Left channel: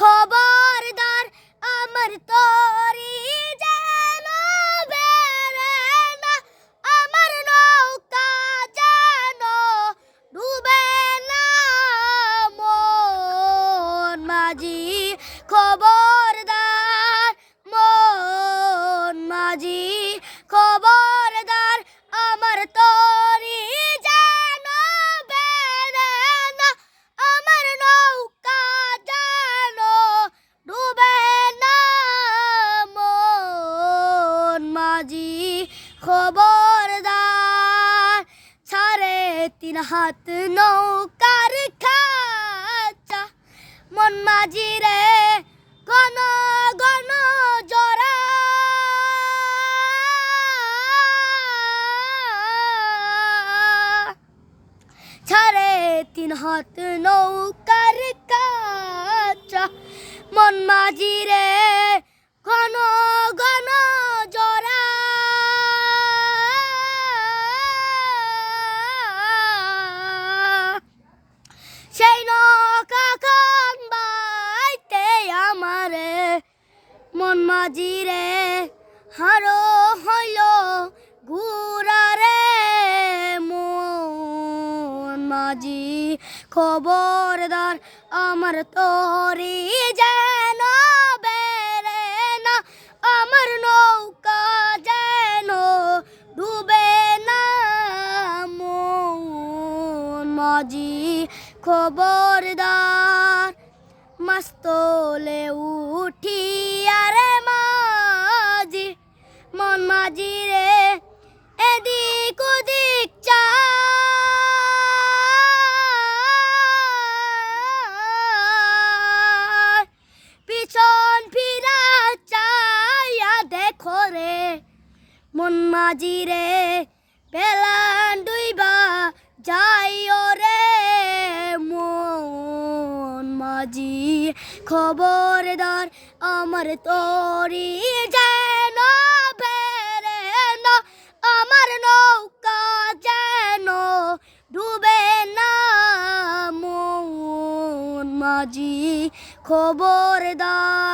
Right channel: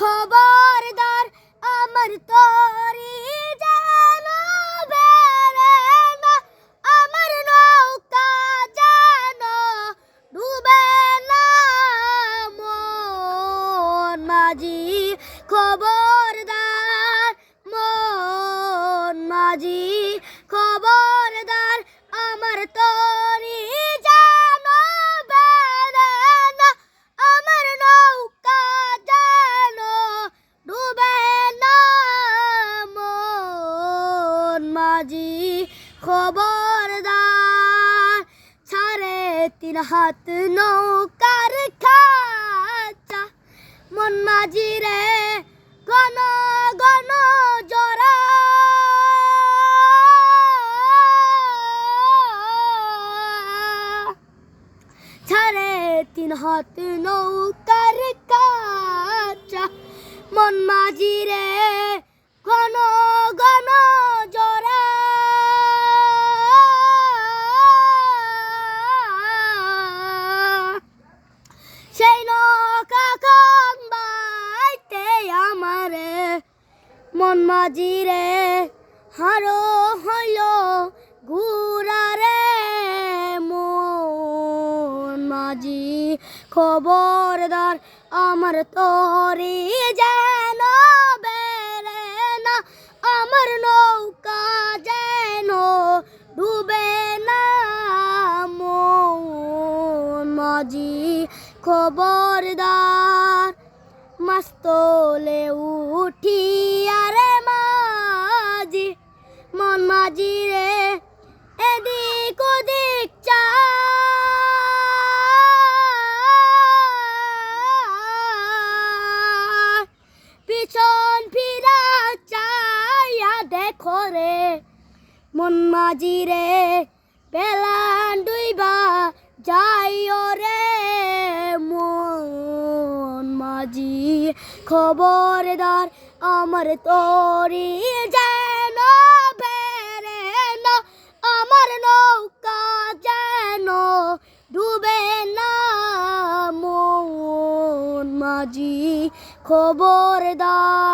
খবরদার আমার তরি যেন বেড়ে না, আমার নৌকা যেন ডুবে না। মন মাঝি খবরদার, মন মাঝি খবরদার, আমার তরি যেন বেড়ে না, আমার নৌকা যেন ডুবে না। মন মাঝি খবরদার, 3.5 হাত নৌকার খাঁচা, মন মাঝি রে ঘন ঘন জোড়া। 3.5 হাত নৌকার কাঁচা, মন মাঝি রে ঘন ঘন জোড়া। সেই নৌকা খন বাইতে আমারে মন মাঝি রে হারো হইল ঘুরা রে। মন মাঝি খবরদার, আমার তরি যেন বেড়ে না, আমার নৌকা যেন ডুবে না। মন মাঝি খবরদার, মাছ তোলে উঠি আরে মাঝি, মন মাঝি রে এদিক ওদিক চা। পিছন ফিরা চাইয়া দেখো রে, মন মাঝি রে বেলান ডুইবা যাইও রে। মন মাঝি খবরদার, আমার তরি যেন বেড়ে না, আমার নৌকা যেন ডুবে না। মন মাঝি খবরদার।